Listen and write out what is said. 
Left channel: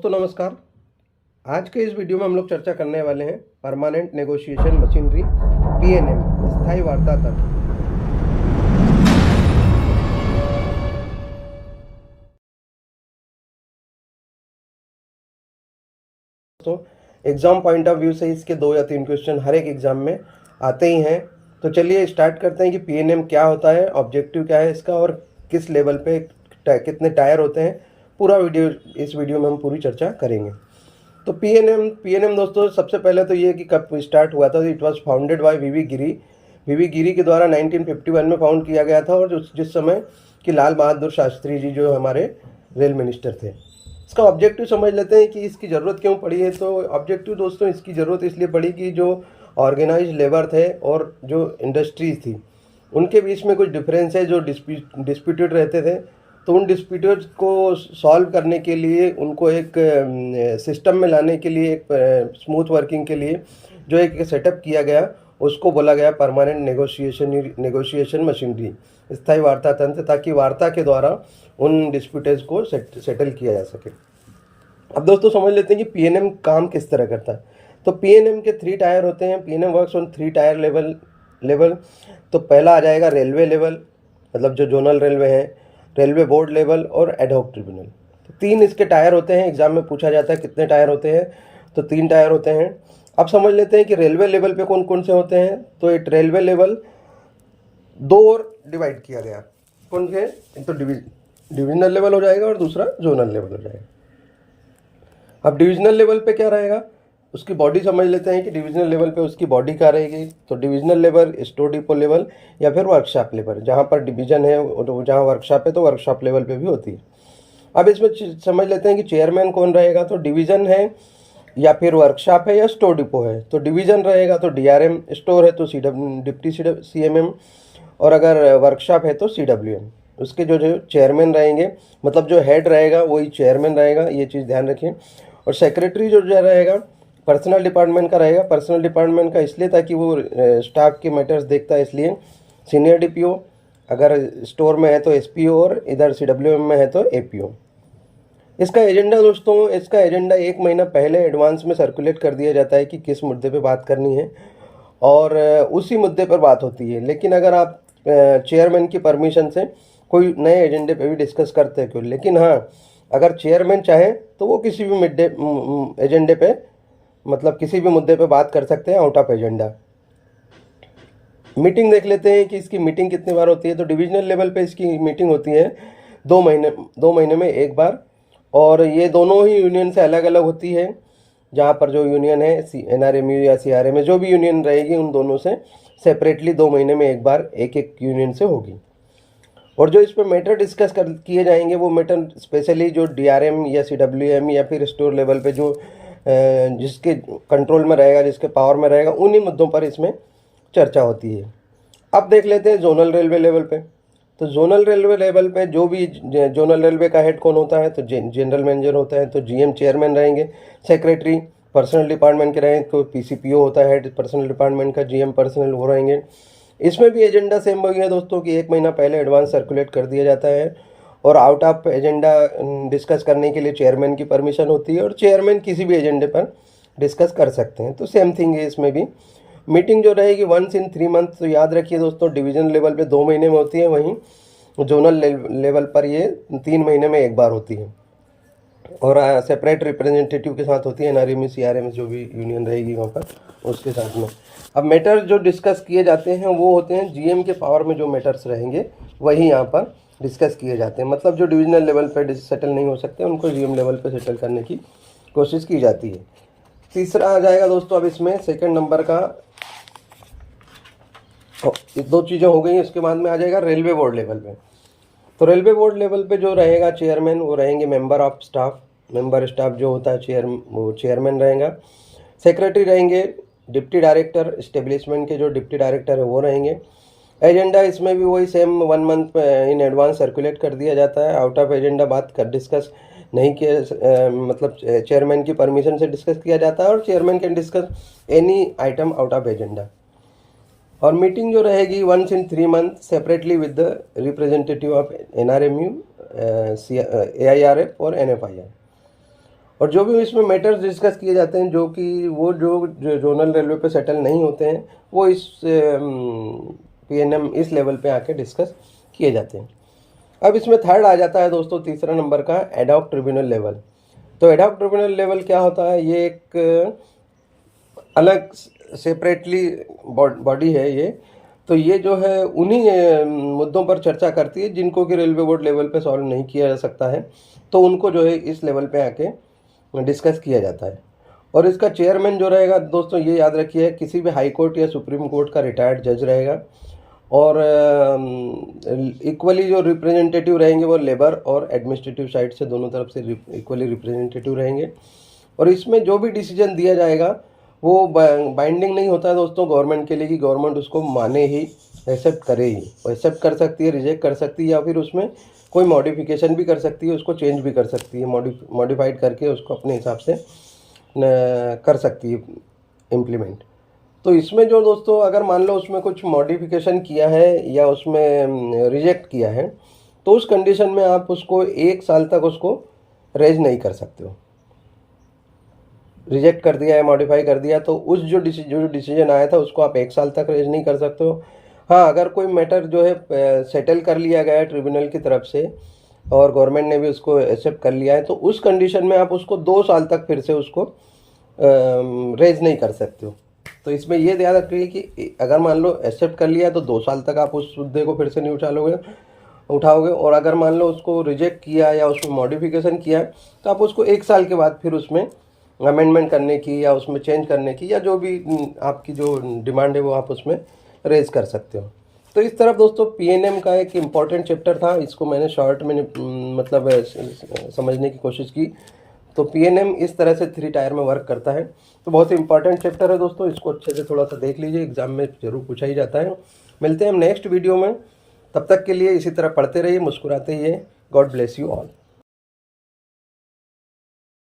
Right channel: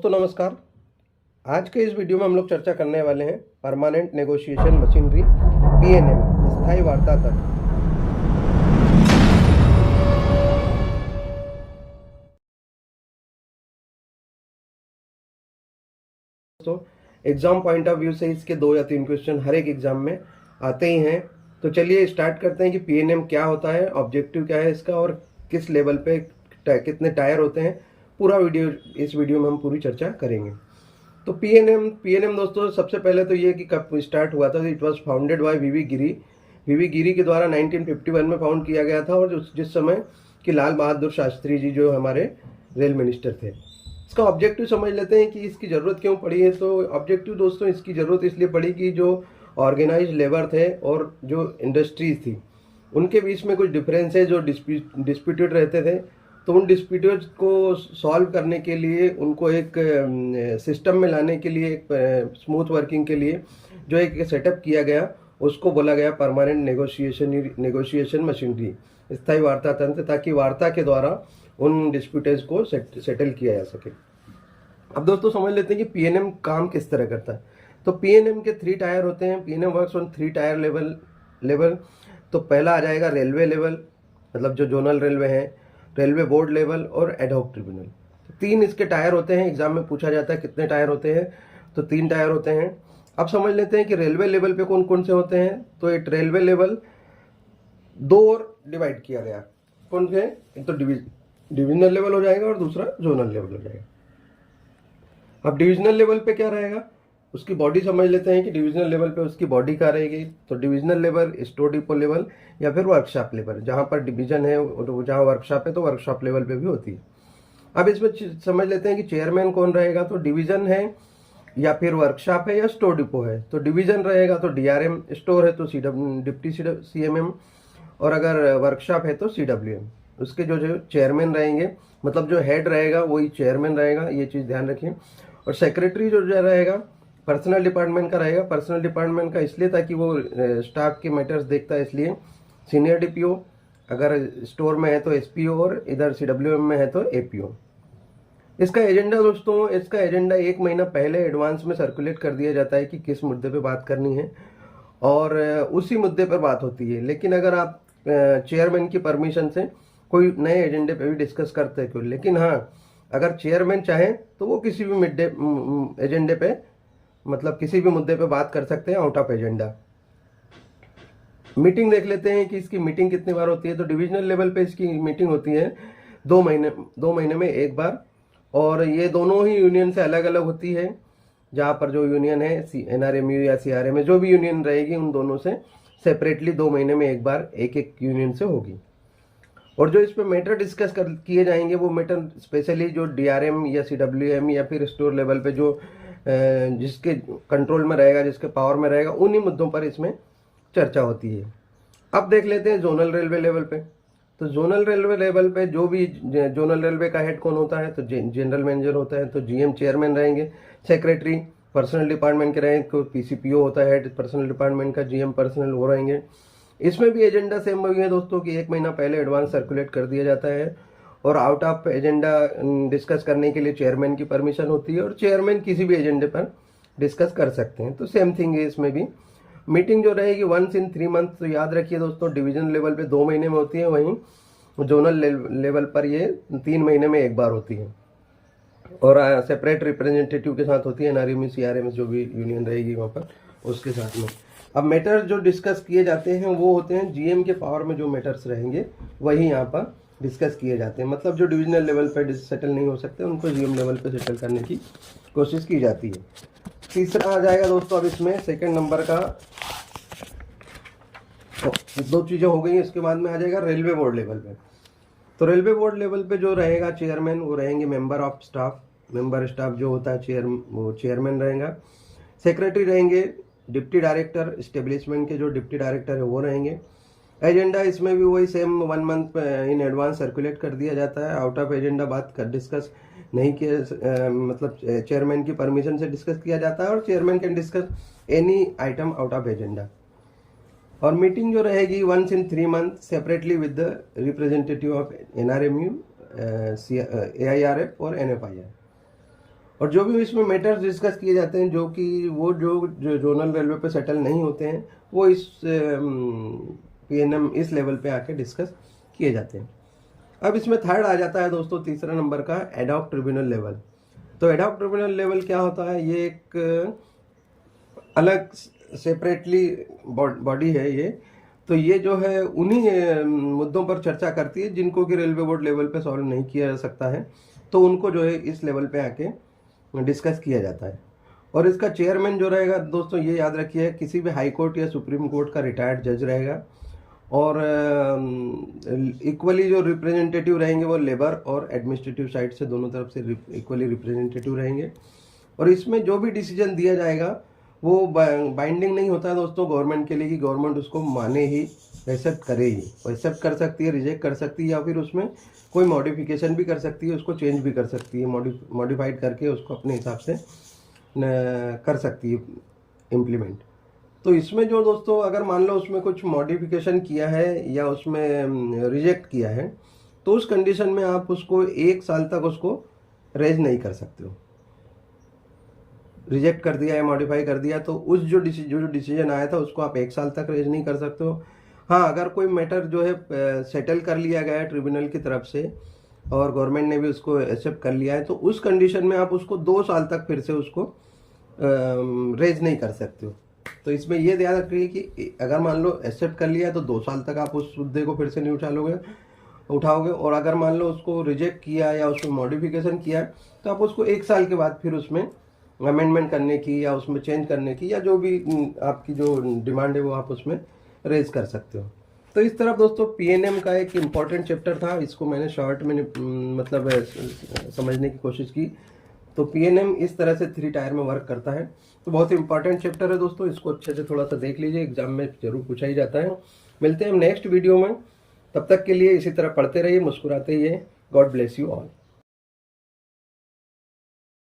दोस्तों नमस्कार। आज के इस वीडियो में हम लोग चर्चा करने वाले हैं परमानेंट नेगोशिएशन मशीनरी पीएनएम स्थायी वार्ता तंत्र। दोस्तों एग्जाम पॉइंट ऑफ व्यू से इसके 2 या 3 क्वेश्चन हर एक एग्जाम में आते ही हैं। तो चलिए स्टार्ट करते हैं कि पीएनएम क्या होता है, ऑब्जेक्टिव क्या है इसका और किस लेवल पे कितने टायर होते हैं। पूरा इस वीडियो में हम पूरी चर्चा करेंगे। तो पीएनएम दोस्तों सबसे पहले तो ये कि कब स्टार्ट हुआ था। इट वाज फाउंडेड बाय वीवी गिरी के द्वारा 1951 में फाउंड किया गया था, और जिस समय कि लाल बहादुर शास्त्री जी जो हमारे रेल मिनिस्टर थे। इसका ऑब्जेक्टिव समझ लेते हैं कि इसकी ज़रूरत क्यों पड़ी है। तो ऑब्जेक्टिव दोस्तों इसकी ज़रूरत इसलिए पड़ी कि जो ऑर्गेनाइज लेबर थे और जो इंडस्ट्रीज थी उनके बीच में कुछ डिफरेंस है जो डिस्प्यूटेड रहते थे। तो उन डिस्प्यूटेड को सॉल्व करने के लिए, उनको एक सिस्टम में लाने के लिए, एक स्मूथ वर्किंग के लिए जो एक सेटअप किया गया उसको बोला गया परमानेंट नेगोशिएशन मशीनरी, स्थायी वार्ता तंत्र, ताकि वार्ता के द्वारा उन डिस्प्यूटेज को सेटल किया जा सके। अब दोस्तों समझ लेते हैं कि पीएनएम काम किस तरह करता है। तो पीएनएम के 3 टायर होते हैं। PNM works on 3 tyre level. तो पहला आ जाएगा रेलवे लेवल, मतलब जो जोनल रेलवे हैं, रेलवे बोर्ड लेवल और एडहॉक ट्रिब्यूनल। 3 इसके टायर होते हैं। एग्जाम में पूछा जाता है कितने टायर होते हैं, तो 3 टायर होते हैं। अब समझ लेते हैं कि रेलवे लेवल पे कौन कौन से होते हैं। तो एक रेलवे लेवल 2 और डिवाइड किया गया। कौन से? एक तो डिविजनल लेवल हो जाएगा और दूसरा जोनल लेवल हो जाएगा। अब डिविजनल लेवल पे क्या रहेगा, उसकी बॉडी समझ लेते हैं कि डिविजनल लेवल पे उसकी बॉडी क्या रहेगी। तो divisional level store depot level या फिर वर्कशॉप लेवल, जहाँ पर डिवीजन है जहाँ वर्कशॉप है तो वर्कशॉप लेवल पे भी होती है। अब इसमें समझ लेते हैं कि चेयरमैन कौन रहेगा। तो डिवीजन है या फिर वर्कशॉप है या स्टोर डिपो है। तो डिवीजन रहेगा तो डीआरएम, स्टोर है तो डिप्टी सीएमएम, और अगर वर्कशॉप है तो सीडब्ल्यूएम। उसके जो चेयरमैन रहेंगे, मतलब जो हेड रहेगा वही चेयरमैन रहेगा, ये चीज़ ध्यान रखिए। और सेक्रेटरी जो रहेगा पर्सनल डिपार्टमेंट का रहेगा। पर्सनल डिपार्टमेंट का इसलिए ताकि वो स्टाफ के मैटर्स देखता है, इसलिए सीनियर डीपीओ, अगर स्टोर में है तो एसपीओ और इधर सीडब्ल्यूएम में है तो एपीओ। इसका एजेंडा दोस्तों, इसका एजेंडा 1 महीना पहले एडवांस में सर्कुलेट कर दिया जाता है कि किस मुद्दे पे बात करनी है, और उसी मुद्दे पर बात होती है। लेकिन अगर आप चेयरमैन की परमिशन से कोई नए एजेंडे पे भी डिस्कस करते हैं क्यों, लेकिन हाँ अगर चेयरमैन चाहे तो वो किसी भी एजेंडे पे, मतलब किसी भी मुद्दे पे बात कर सकते हैं आउट ऑफ एजेंडा। मीटिंग देख लेते हैं कि इसकी मीटिंग कितनी बार होती है। तो डिविजनल लेवल पे इसकी मीटिंग होती है 2 महीने में एक बार, और ये दोनों ही यूनियन से अलग अलग होती है। जहाँ पर जो यूनियन है एनआरएमयू या सीआरएम में जो भी यूनियन रहेगी उन दोनों से सेपरेटली 2 महीने में एक बार एक यूनियन से होगी। और जो इस पर मैटर डिस्कस किए जाएंगे वो मैटर स्पेशली जो डीआरएम या सीडब्ल्यूएम या फिर स्टोर लेवल पे जो जिसके कंट्रोल में रहेगा, जिसके पावर में रहेगा, उन्हीं मुद्दों पर इसमें चर्चा होती है। अब देख लेते हैं जोनल रेलवे लेवल पे। तो जोनल रेलवे लेवल पे जो भी जोनल रेलवे का हेड कौन होता है, तो जनरल मैनेजर होता है। तो जीएम चेयरमैन रहेंगे। सेक्रेटरी पर्सनल डिपार्टमेंट के रहेंगे, तो पीसीपीओ होता है हेड पर्सनल डिपार्टमेंट का, जीएम पर्सनल वो रहेंगे। इसमें भी एजेंडा सेम वही है दोस्तों कि 1 महीना पहले एडवांस सर्कुलेट कर दिया जाता है, और आउट ऑफ एजेंडा डिस्कस करने के लिए चेयरमैन की परमिशन होती है, और चेयरमैन किसी भी एजेंडे पर डिस्कस कर सकते हैं। तो सेम थिंग है इसमें भी। मीटिंग जो रहेगी 1 in 3 months। तो याद रखिए दोस्तों, डिवीजन लेवल पे 2 महीने में होती है, वहीं जोनल लेवल पर ये 3 महीने में एक बार होती है, और सेपरेट रिप्रेजेंटेटिव के साथ होती है, एनआरएम सीआरएम जो भी यूनियन रहेगी वहाँ पर उसके साथ में। अब मैटर जो डिस्कस किए जाते हैं वो होते हैं जीएम के पावर में जो मैटर्स रहेंगे वही यहाँ पर डिस्कस किए जाते हैं। मतलब जो डिविजनल लेवल पर सेटल नहीं हो सकते उनको जीएम लेवल पर सेटल करने की कोशिश की जाती है। तीसरा आ जाएगा दोस्तों, अब इसमें सेकंड नंबर का 2 चीज़ें हो गई। इसके बाद में आ जाएगा रेलवे बोर्ड लेवल पे। तो रेलवे बोर्ड लेवल पे जो रहेगा चेयरमैन, वो रहेंगे member of staff. Member staff जो होता है वो चेयरमैन रहेगा। सेक्रेटरी रहेंगे डिप्टी डायरेक्टर, इस्टेब्लिशमेंट के जो डिप्टी डायरेक्टर है वो रहेंगे। एजेंडा इसमें भी वही same 1 month in advance circulate कर दिया जाता है। आउट ऑफ एजेंडा बात कर डिस्कस नहीं किया, मतलब चेयरमैन की परमिशन से डिस्कस किया जाता है, और chairman can discuss any item out of agenda. और मीटिंग जो रहेगी 1 in 3 months separately with the representative of NRMU, AIRF और NFIR। और जो भी इसमें मैटर्स डिस्कस किए जाते हैं जो कि वो जो जोनल रेलवे पे सेटल नहीं होते हैं वो इस पीएनएम इस लेवल पे आके डिस्कस किए जाते हैं। अब इसमें थर्ड आ जाता है दोस्तों तीसरा नंबर का एडॉक ट्रिब्यूनल लेवल। तो एडॉक ट्रिब्यूनल लेवल क्या होता है, ये एक अलग सेपरेटली बॉडी है ये। तो ये जो है उन्हीं मुद्दों पर चर्चा करती है जिनको कि रेलवे बोर्ड लेवल पे सॉल्व नहीं किया जा सकता है, तो उनको जो है इस लेवल पे आके डिस्कस किया जाता है। और इसका चेयरमैन जो रहेगा दोस्तों ये याद रखिए किसी भी हाई कोर्ट या सुप्रीम कोर्ट का रिटायर्ड जज रहेगा। और इक्वली जो रिप्रेजेंटेटिव रहेंगे वो लेबर और एडमिनिस्ट्रेटिव साइड से दोनों तरफ से इक्वली रिप्रेजेंटेटिव रहेंगे। और इसमें जो भी डिसीजन दिया जाएगा वो बाइंडिंग नहीं होता है दोस्तों गवर्नमेंट के लिए कि गवर्नमेंट उसको माने ही, एक्सेप्ट करे ही। वो एक्सेप्ट कर सकती है, रिजेक्ट कर सकती है या फिर उसमें कोई मॉडिफिकेशन भी कर सकती है, उसको चेंज भी कर सकती है, मॉडिफाइड करके उसको अपने हिसाब से कर सकती है इम्प्लीमेंट। तो इसमें जो दोस्तों अगर मान लो उसमें कुछ मॉडिफिकेशन किया है या उसमें रिजेक्ट किया है तो उस कंडीशन में आप उसको 1 साल तक उसको रेज नहीं कर सकते हो। रिजेक्ट कर दिया है, मॉडिफाई कर दिया तो उस जो डिसीजन आया था उसको आप 1 साल तक रेज नहीं कर सकते हो। हाँ, अगर कोई मैटर जो है सेटल कर लिया गया है ट्रिब्यूनल की तरफ से और गवर्नमेंट ने भी उसको एक्सेप्ट कर लिया है तो उस कंडीशन में आप उसको 2 साल तक फिर से उसको रेज नहीं कर सकते हो। तो इसमें ये ध्यान रखिए कि अगर मान लो एक्सेप्ट कर लिया तो 2 साल तक आप उस मुद्दे को फिर से नहीं उठाओगे। और अगर मान लो उसको रिजेक्ट किया या उसमें मॉडिफिकेशन किया तो आप उसको 1 साल के बाद फिर उसमें अमेंडमेंट करने की या उसमें चेंज करने की या जो भी आपकी जो डिमांड है वो आप उसमें रेज कर सकते हो। तो इस तरफ दोस्तों पीएनएम का एक इम्पॉर्टेंट चैप्टर था, इसको मैंने शॉर्ट में मतलब समझने की कोशिश की। तो पीएनएम इस तरह से 3 टायर में वर्क करता है। तो बहुत ही इंपॉर्टेंट चैप्टर है दोस्तों, इसको अच्छे से थोड़ा सा देख लीजिए, एग्जाम में जरूर पूछा ही जाता है। मिलते हैं हम नेक्स्ट वीडियो में, तब तक के लिए इसी तरह पढ़ते रहिए, मुस्कुराते रहिए। God bless you all.